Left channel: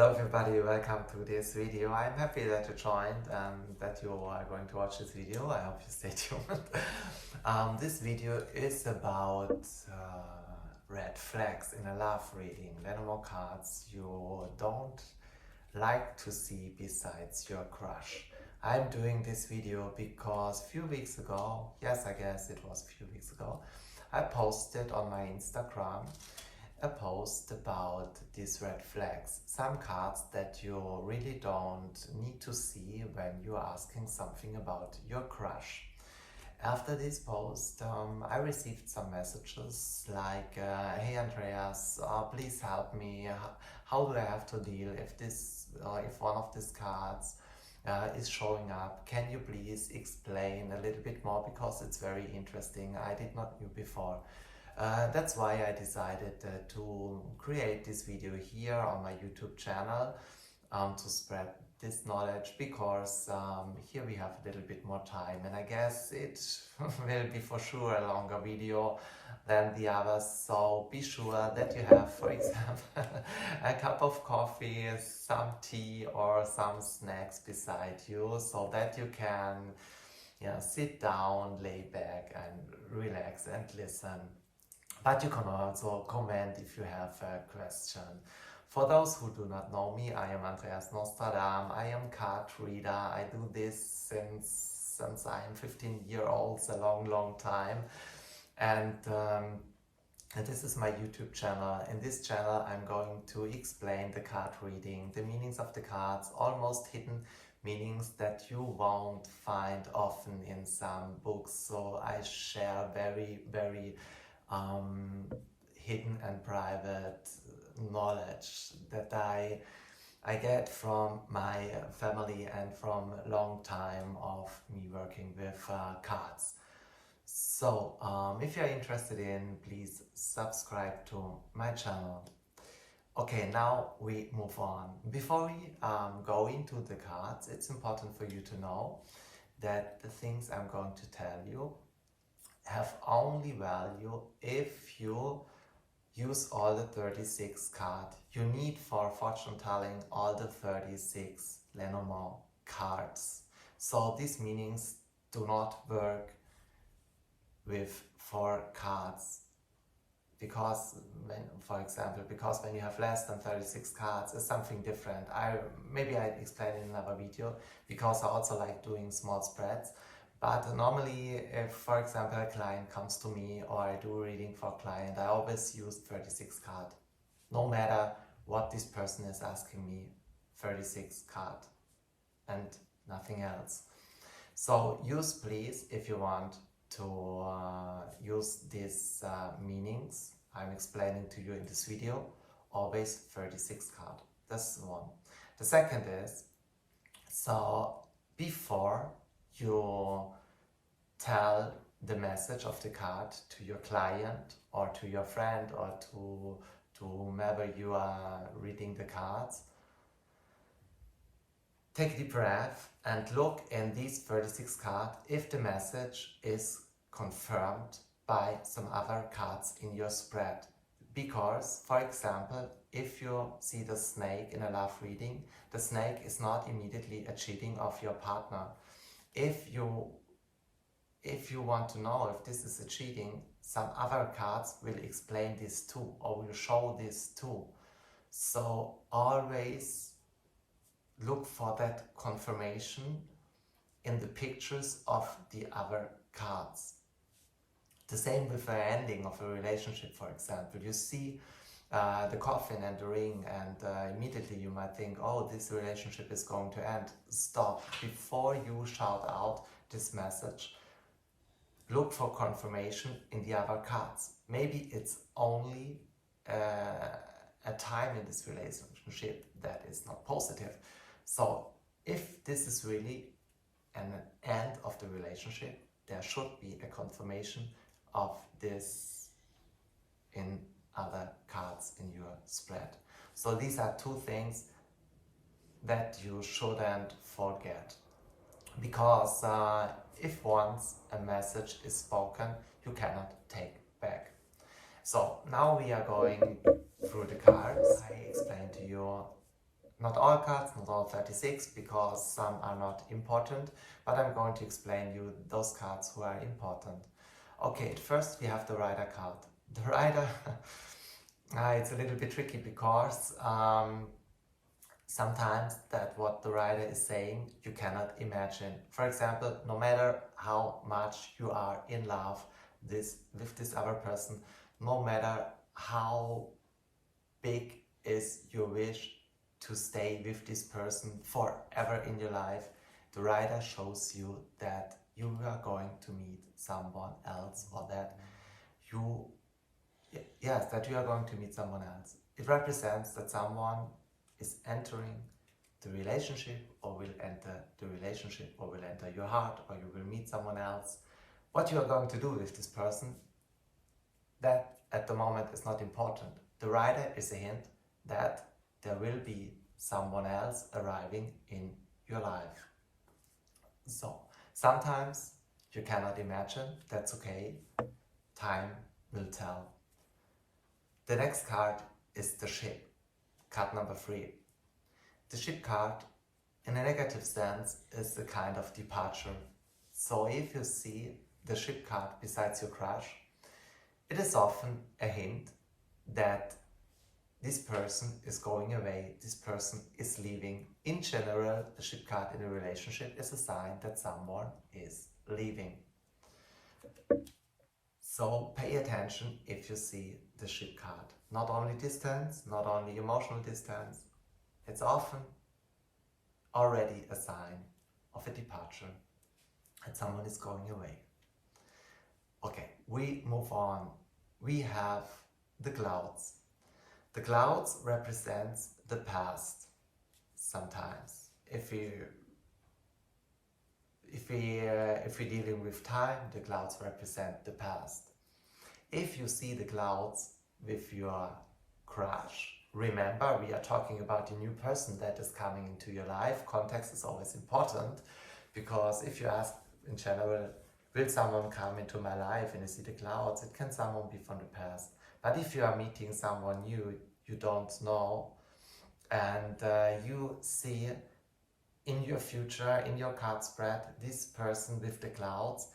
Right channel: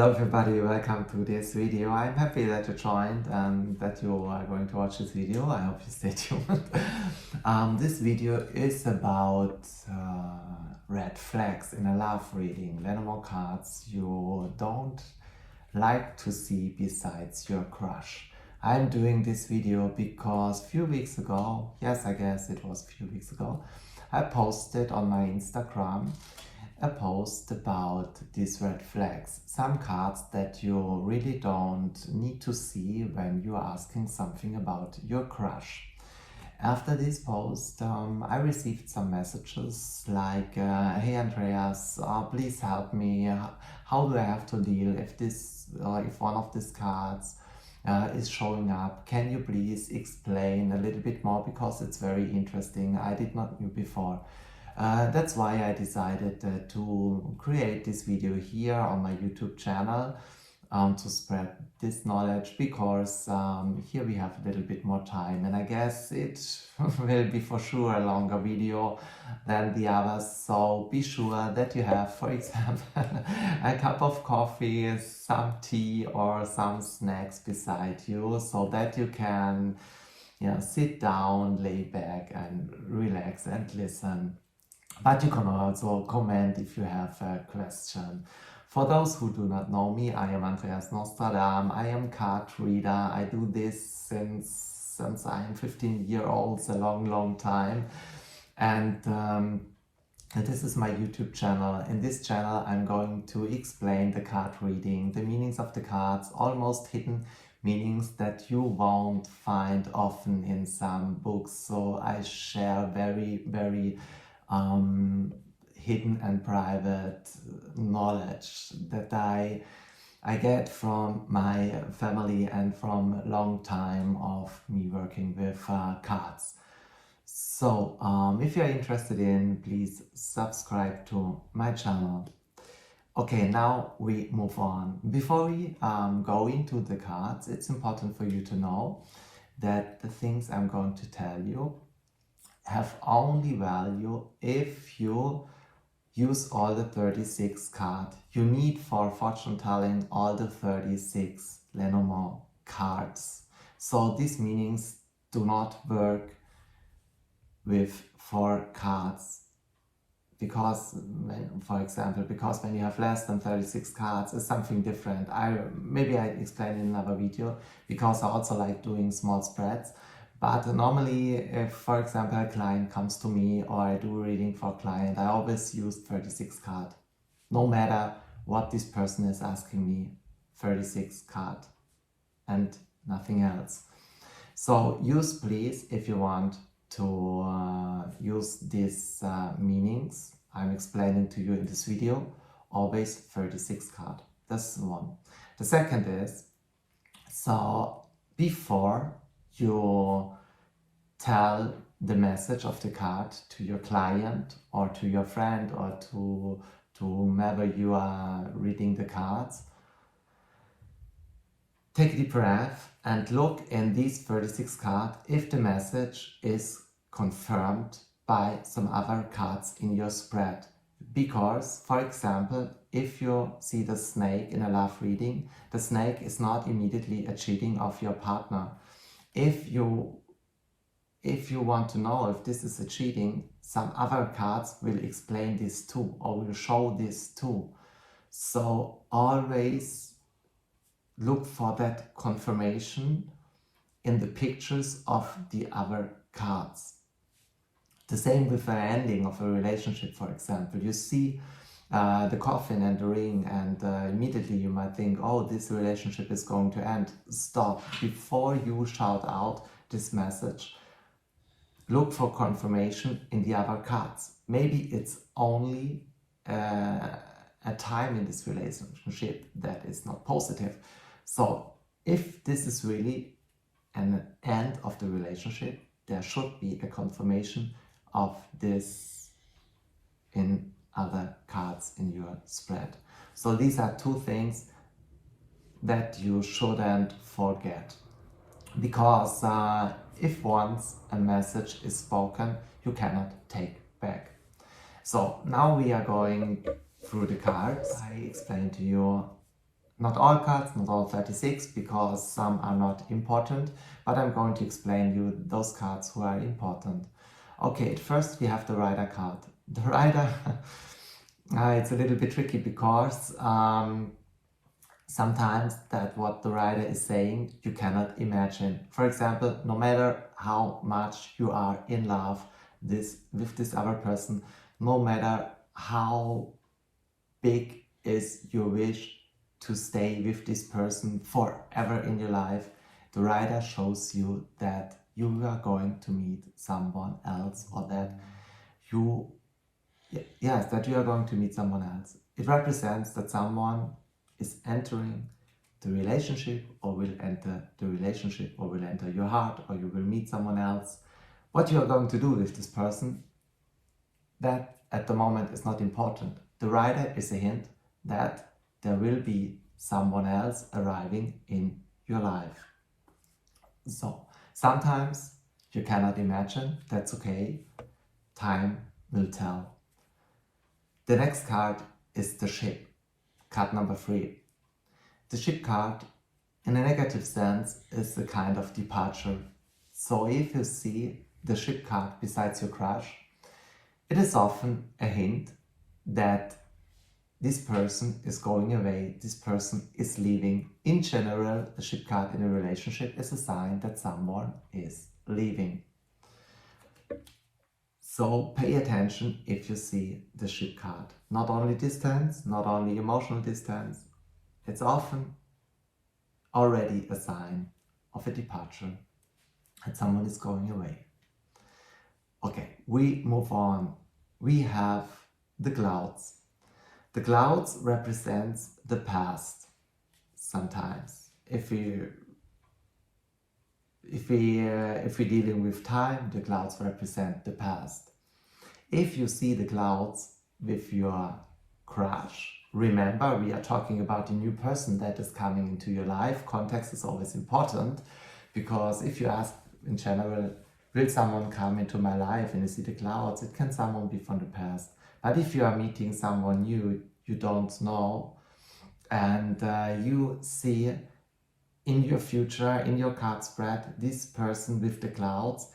Hello everybody, welcome to this video. I'm happy that you joined and that you are going to watch this video. I hope you stay tuned. This video is about red flags in a love reading. Lenormand cards you don't like to see besides your crush. I'm doing this video because a few weeks ago, yes, I guess it was a few weeks ago, I posted on my Instagram a post about these red flags, some cards that you really don't need to see when you're asking something about your crush. After this post, I received some messages like, hey Andreas, please help me, how do I have to deal if one of these cards is showing up? Can you please explain a little bit more, because it's very interesting, I did not know before. That's why I decided to create this video here on my YouTube channel to spread this knowledge, because here we have a little bit more time, and I guess it will be for sure a longer video than the others. So be sure that you have, for example, a cup of coffee, some tea or some snacks beside you, so that you can sit down, lay back and relax and listen. But you can also comment if you have a question. For those who do not know me, I am Andreas Nostra, Dahm. I am card reader. I do this since I am 15 years old, a long time. And this is my YouTube channel. In this channel, I'm going to explain the card reading, the meanings of the cards, almost hidden meanings that you won't find often in some books. So I share very hidden and private knowledge that I get from my family and from a long time of me working with cards. So if you're interested in, please subscribe to my channel. Okay, now we move on. Before we go into the cards, it's important for you to know that the things I'm going to tell you have only value if you use all the 36 cards. You need for fortune telling all the 36 Lenormand cards. So these meanings do not work with 4 cards, because for example, when you have less than 36 cards, it's something different. Maybe I explain in another video, because I also like doing small spreads. But normally, if, for example, a client comes to me or I do a reading for a client, I always use 36 cards. No matter what this person is asking me, 36 cards and nothing else. So use, please, if you want to use these meanings I'm explaining to you in this video, always 36 cards. That's one. The second is, so before you tell the message of the card to your client or to your friend or to whomever you are reading the cards, take a deep breath and look in these 36 cards if the message is confirmed by some other cards in your spread. Because, for example, if you see the snake in a love reading, the snake is not immediately a cheating of your partner. If you want to know if this is a cheating, some other cards will explain this too, or will show this too. So always look for that confirmation in the pictures of the other cards. The same with the ending of a relationship, for example. You see the coffin and the ring, and immediately you might think, oh, this relationship is going to end. Stop. Before you shout out this message, look for confirmation in the other cards. Maybe it's only a time in this relationship that is not positive. So if this is really an end of the relationship, there should be a confirmation of this in other cards in your spread. So these are 2 things that you shouldn't forget, because if once a message is spoken, you cannot take back. So now we are going through the cards. I explained to you Not all cards, not all 36, because some are not important, but I'm going to explain you those cards who are important. Okay, at first we have the Rider card. The Rider, it's a little bit tricky because sometimes that what the Rider is saying you cannot imagine. For example, no matter how much you are in love with this other person, no matter how big is your wish to stay with this person forever in your life, the Rider shows you that you are going to meet someone else, or that you are going to meet someone else. It represents that someone is entering the relationship, or will enter the relationship, or will enter your heart, or you will meet someone else. What you are going to do with this person, that at the moment is not important. The Rider is a hint that there will be someone else arriving in your life. So sometimes you cannot imagine, that's okay, time will tell. The next card is the Ship, card number 3. The Ship card, in a negative sense, is a kind of departure. So if you see the Ship card besides your crush, it is often a hint that this person is going away, this person is leaving. In general, the Ship card in a relationship is a sign that someone is leaving. So pay attention if you see the Ship card. Not only distance, not only emotional distance, it's often already a sign of a departure, that someone is going away. Okay, we move on. We have the Clouds. The Clouds represents the past. Sometimes, if we're dealing with time, the Clouds represent the past. If you see the Clouds with your crush, remember we are talking about a new person that is coming into your life. Context is always important, because if you ask in general, will someone come into my life, and you see the Clouds, it can someone be from the past. But if you are meeting someone new you don't know, and you see in your future, in your card spread, this person with the Clouds,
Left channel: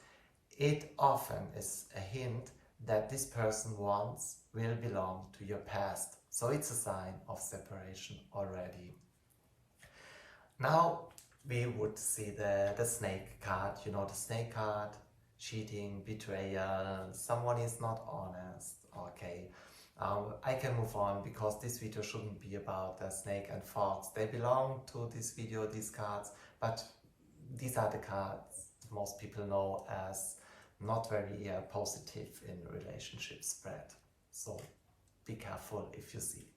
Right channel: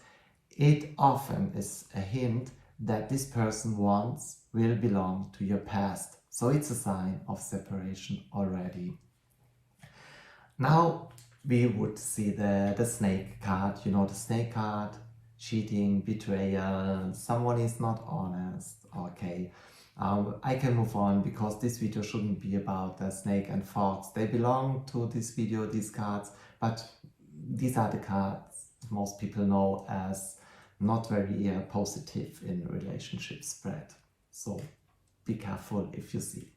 it often is a hint that this person once will belong to your past. So it's a sign of separation already. Now we would see the Snake card. You know the Snake card, cheating, betrayal, someone is not honest. Okay, I can move on, because this video shouldn't be about the Snake and Fox. They belong to this video, these cards, but these are the cards most people know as not very positive in relationship spread. So be careful if you see.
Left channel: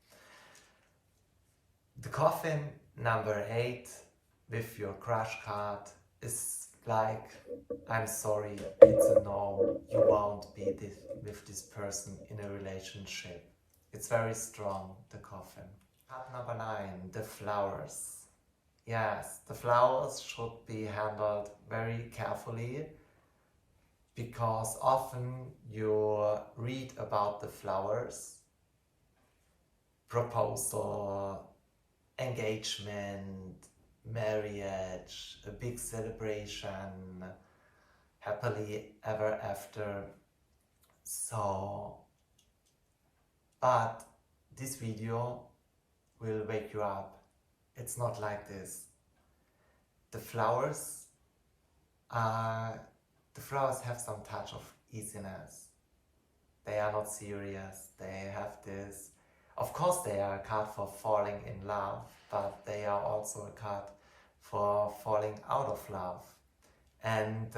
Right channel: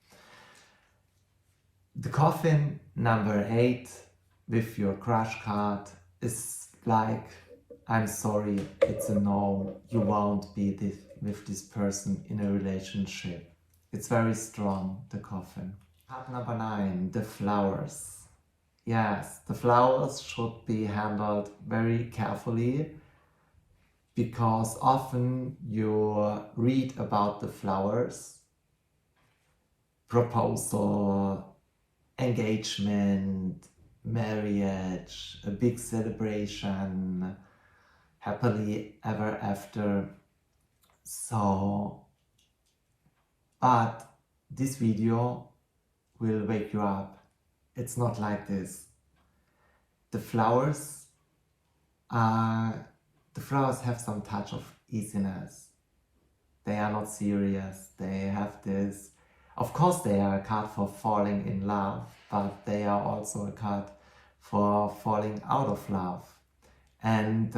The Coffin number 8 with your crush card is like, I'm sorry, it's a no, you won't be with this person in a relationship. It's very strong, the Coffin. Card number 9, the Flowers. Yes, the flowers should be handled very carefully, because often you read about the flowers, proposal, engagement, marriage, a big celebration, happily ever after. So, but this video will wake you up. It's not like this. The flowers have some touch of easiness. They are not serious. They have this, of course they are a card for falling in love, but they are also a card for falling out of love. And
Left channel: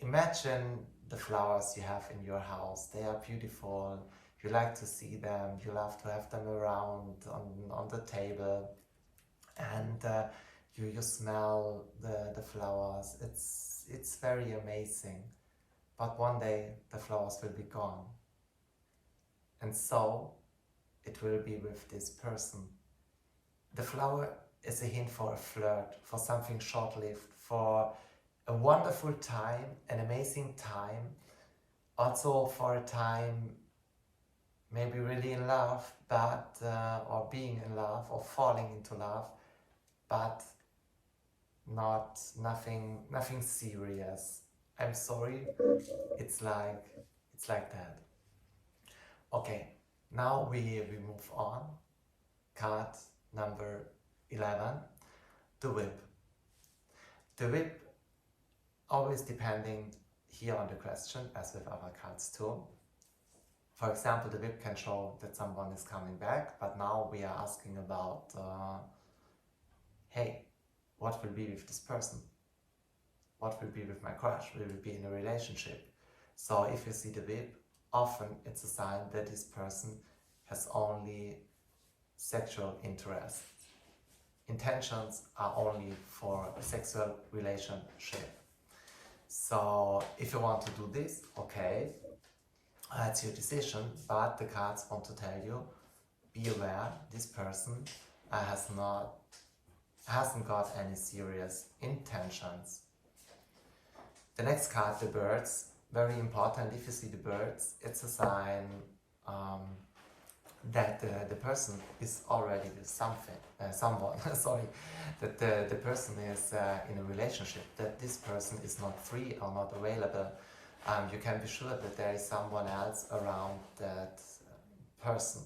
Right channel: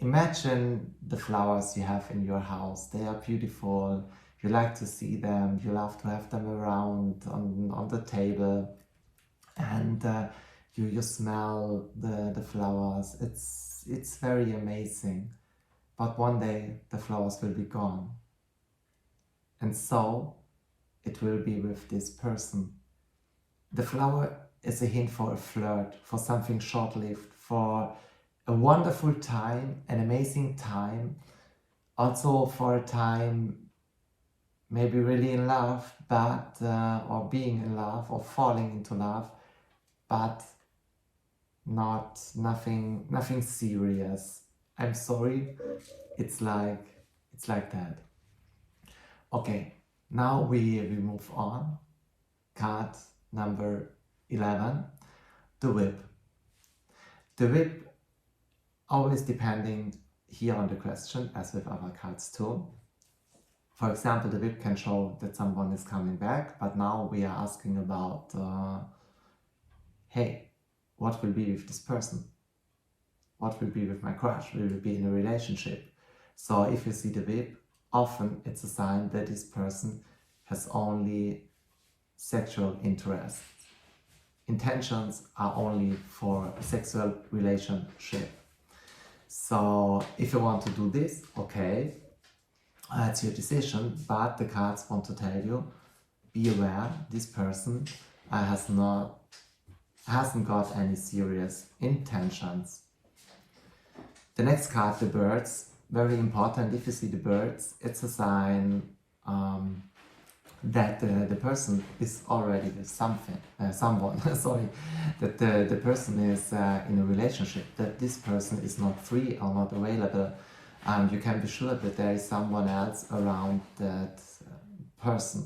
imagine the flowers you have in your house. They are beautiful. You like to see them. You love to have them around on the table. And you smell the flowers. It's very amazing. But one day the flowers will be gone. And so it will be with this person. The flower is a hint for a flirt, for something short-lived, for a wonderful time, an amazing time, also for a time maybe really in love, but or being in love or falling into love, but nothing serious. I'm sorry, it's like that. Okay, now we move on. Card number 11, the whip. The whip, always depending here on the question, as with other cards too. For example, the whip can show that someone is coming back, but now we are asking about, hey, what will be with this person? What will be with my crush? Will we be in a relationship? So if you see the whip, often it's a sign that this person has only sexual interest. Intentions are only for a sexual relationship. So if you want to do this, okay, it's your decision, but the cards want to tell you, be aware, this person hasn't got any serious intentions. The next card, the birds, very important. If you see the birds, it's a sign that the person is already with someone, sorry, that the person is in a relationship, that this person is not free or not available. You can be sure that there is someone else around that person.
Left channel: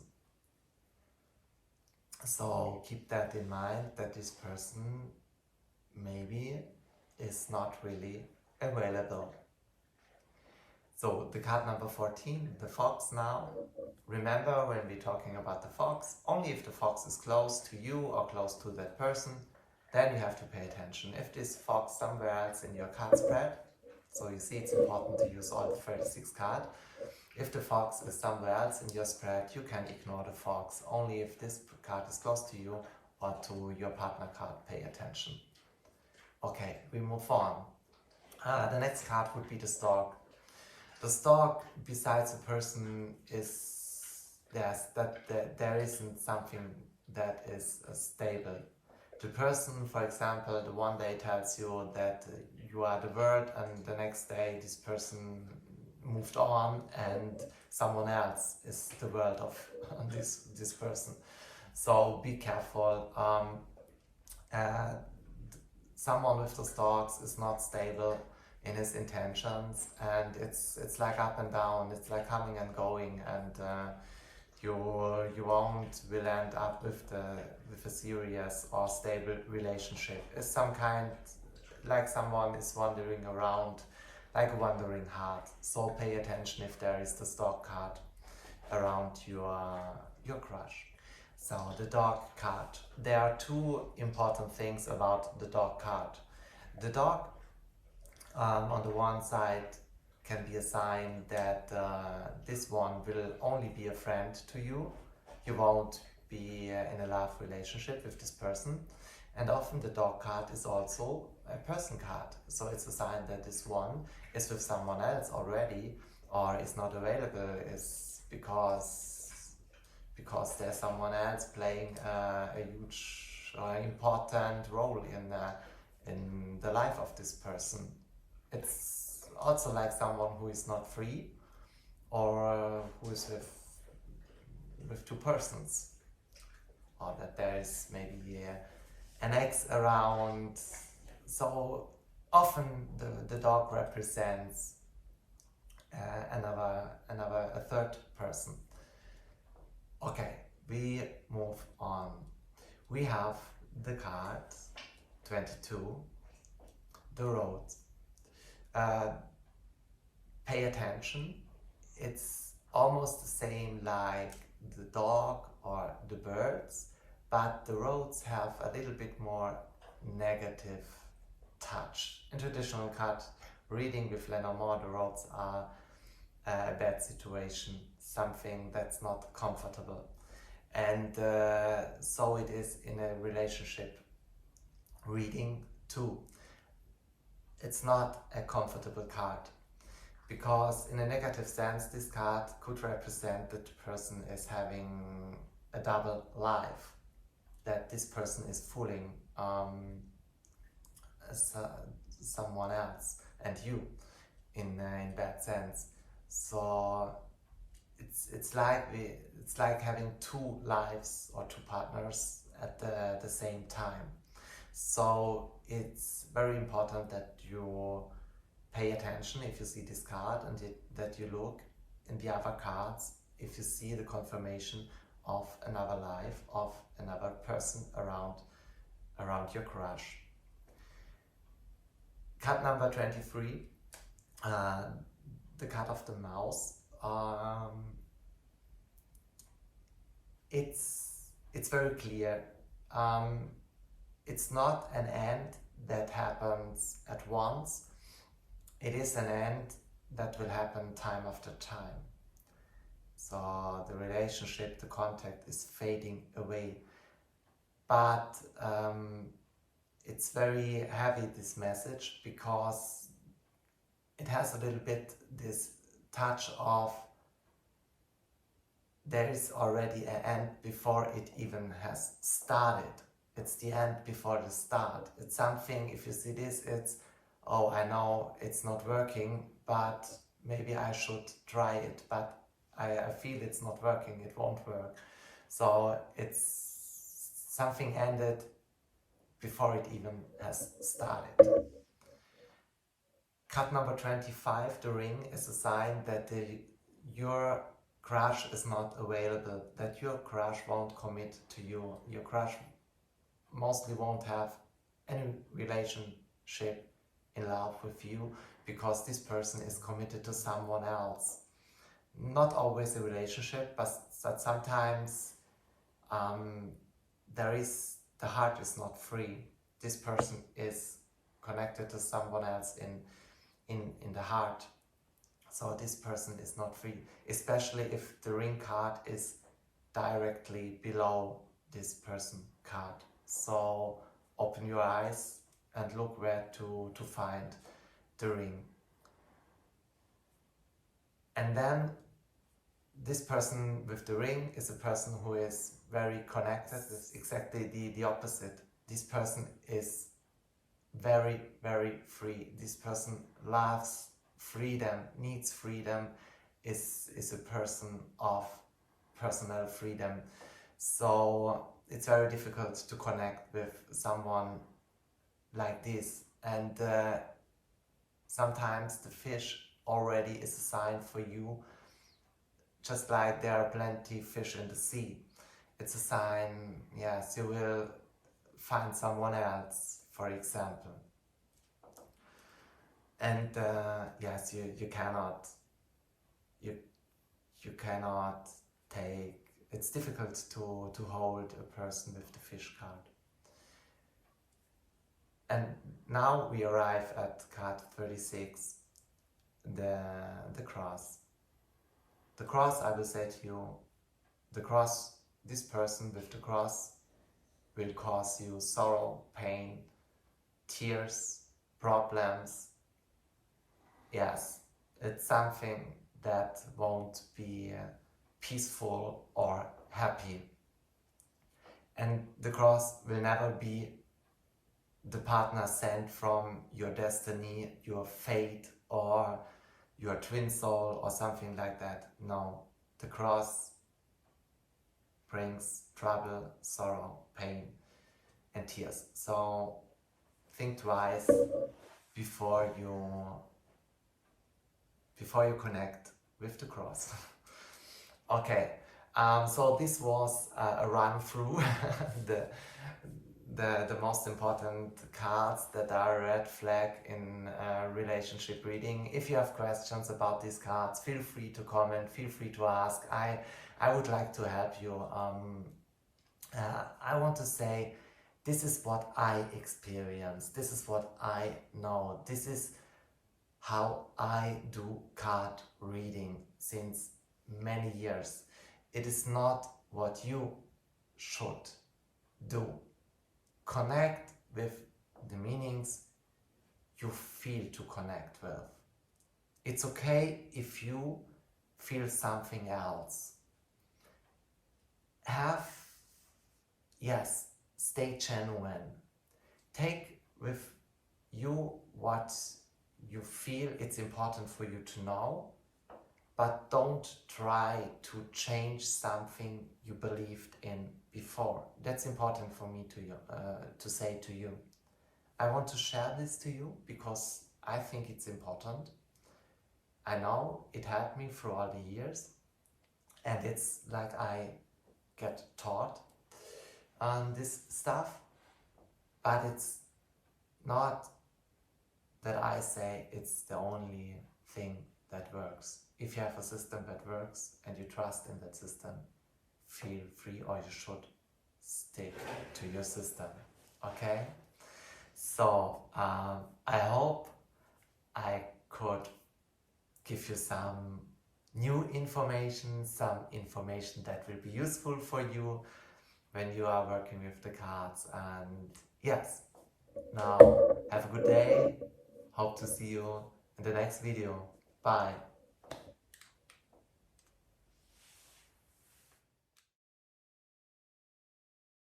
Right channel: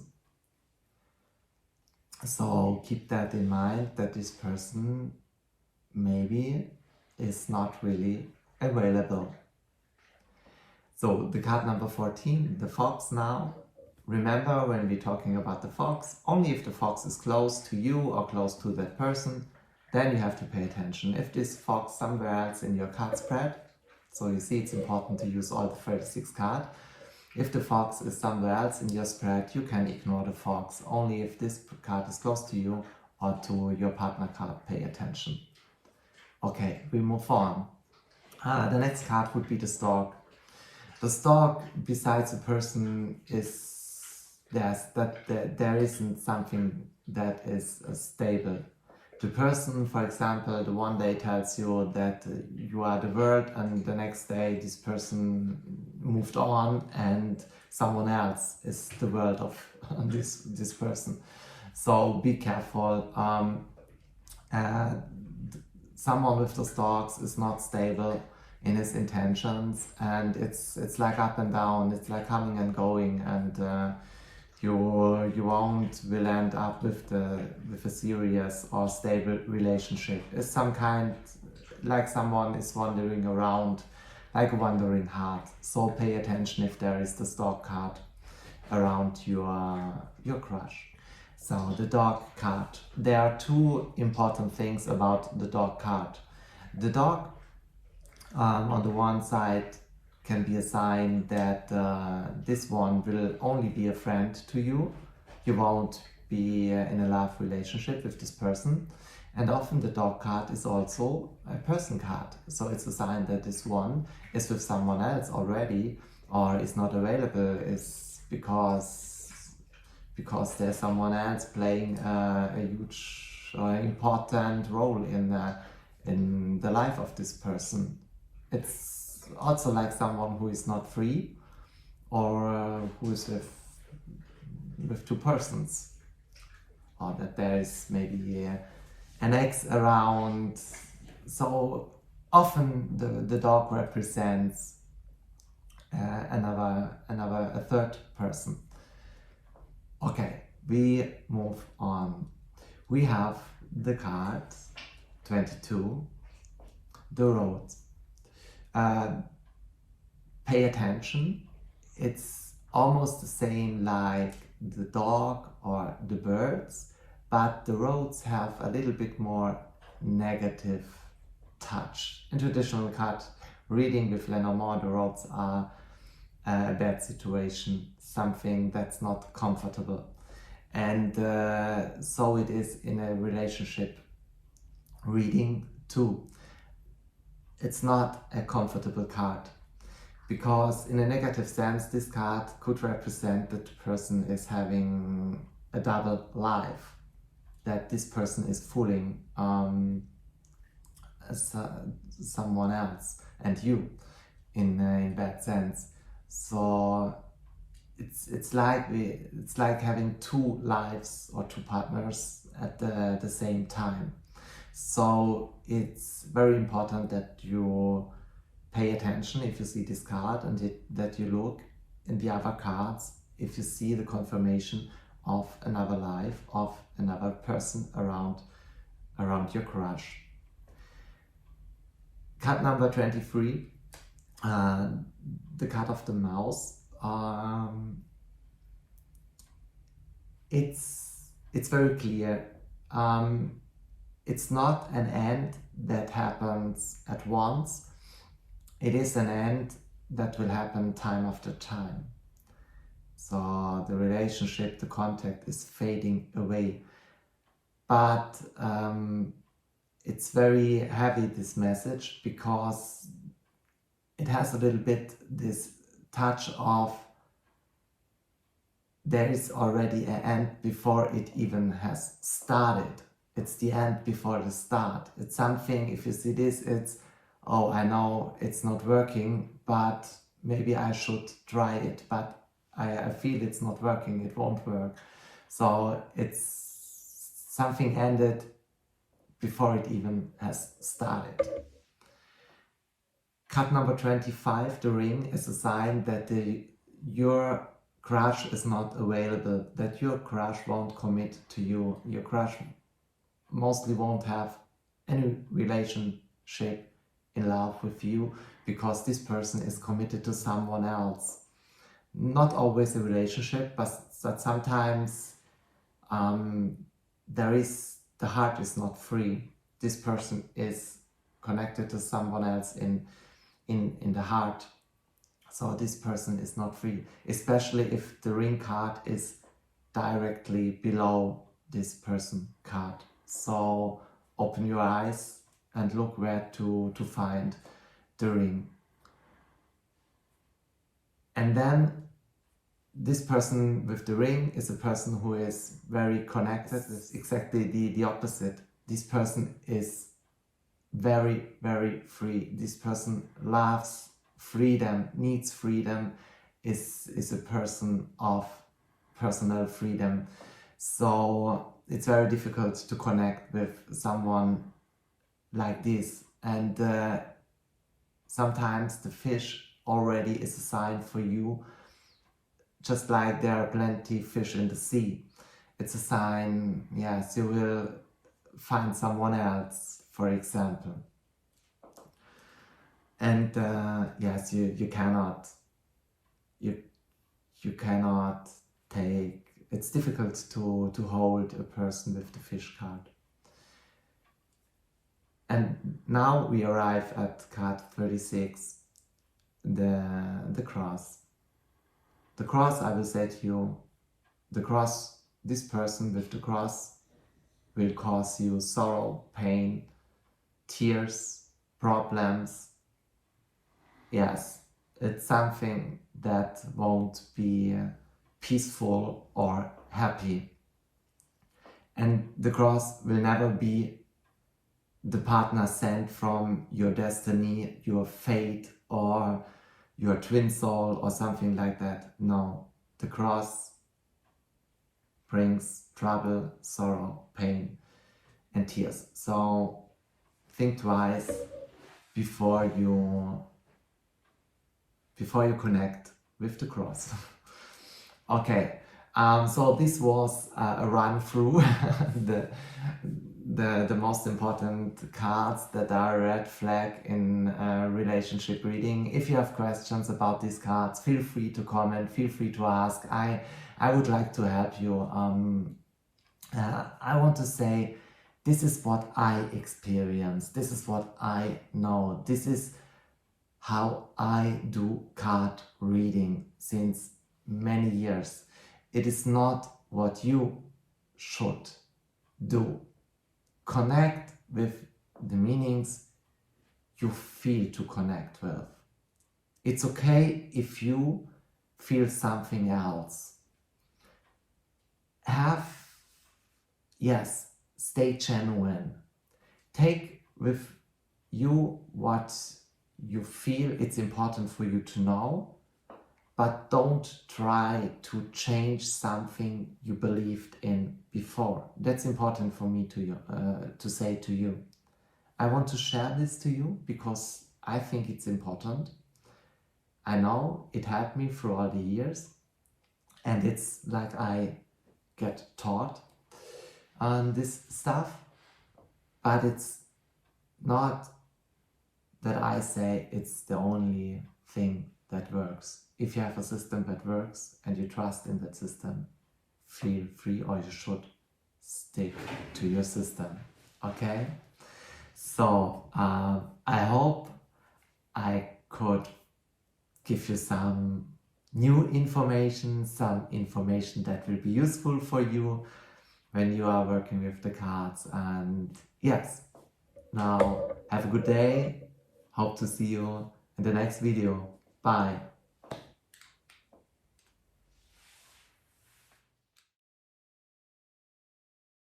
So keep that in mind, that this person maybe is not really available. So the card number 14, the fox now. Remember, when we're talking about the fox, only if the fox is close to you or close to that person, then you have to pay attention. If this fox somewhere else in your card spread, so you see it's important to use all the 36 cards. If the fox is somewhere else in your spread, you can ignore the fox. Only if this card is close to you or to your partner card, pay attention. Okay, we move on. The next card would be the stork. The stork, besides a person, is there isn't something that is stable. The person, for example, the one day tells you that you are the world, and the next day this person moved on and someone else is the world of this person. So be careful. Someone with the storks is not stable in his intentions, and it's like up and down, it's like coming and going, and you will end up with a serious or stable relationship. It's some kind, like someone is wandering around, like a wandering heart. So pay attention if there is the stork card around your crush. So the dog card. There are two important things about the dog card. The dog, on the one side, can be a sign that this one will only be a friend to you. You won't be in a love relationship with this person. And often the dog card is also a person card. So it's a sign that this one is with someone else already, or is not available, is because there's someone else playing a huge important role in the life of this person. It's also like someone who is not free, or who is with two persons, or that there is maybe an ex around. So often the dog represents a third person. Okay, we move on. We have the card 22, the road. Pay attention. It's almost the same like the dog or the birds, but the roads have a little bit more negative touch. In traditional card reading with Lenormand, the roads are a bad situation, something that's not comfortable. And so it is in a relationship reading too. It's not a comfortable card, because in a negative sense this card could represent that the person is having a double life, that this person is fooling someone else and you in bad sense. So it's like having two lives or two partners at the same time. So it's very important that you pay attention if you see this card, and that you look in the other cards if you see the confirmation of another life, of another person around your crush. Card number 23, the card of the mouse. It's very clear. It's not an end that happens at once. It is an end that will happen time after time. So the relationship, the contact is fading away. But it's very heavy, this message, because it has a little bit this touch of there is already an end before it even has started. It's the end before the start. It's something, if you see this, it's, oh, I know it's not working, but maybe I should try it, but I feel it's not working, it won't work. So it's something ended before it even has started. Card number 25, the ring, is a sign that your crush is not available, that your crush won't commit to you. Your crush mostly won't have any relationship in love with you because this person is committed to someone else. Not always a relationship, but sometimes the heart is not free. This person is connected to someone else in the heart. So this person is not free, especially if the ring card is directly below this person card. So open your eyes and look where to find the ring. And then this person with the ring is a person who is very connected. It's exactly the opposite. This person is very, very free. This person loves freedom, needs freedom, is a person of personal freedom. So it's very difficult to connect with someone like this. And sometimes the fish already is a sign for you, just like there are plenty of fish in the sea. It's a sign, yes, you will find someone else, for example. And yes, you cannot take, it's difficult to hold a person with the fish card. And now we arrive at card 36, the cross. The cross, I will say to you, the cross, this person with the cross will cause you sorrow, pain, tears, problems. Yes, it's something that won't be peaceful or happy. And the cross will never be the partner sent from your destiny, your fate, or your twin soul, or something like that. No, the cross brings trouble, sorrow, pain, and tears. So think twice before you connect with the cross. Okay, so this was a run through the most important cards that are a red flag in relationship reading. If you have questions about these cards, feel free to comment, feel free to ask. I would like to help you. I want to say, this is what I experience, this is what I know, this is how I do card reading since many years. It is not what you should do. Connect with the meanings you feel to connect with. It's okay if you feel something else. Stay genuine. Take with you what you feel it's important for you to know, but don't try to change something you believed in before. That's important for me to say to you. I want to share this to you because I think it's important. I know it helped me through all the years, and it's like I get taught on this stuff, but it's not that I say it's the only thing that works. If you have a system that works and you trust in that system, feel free, or you should stick to your system, okay? So I hope I could give you some new information, some information that will be useful for you when you are working with the cards. And yes, now have a good day. Hope to see you in the next video. Bye.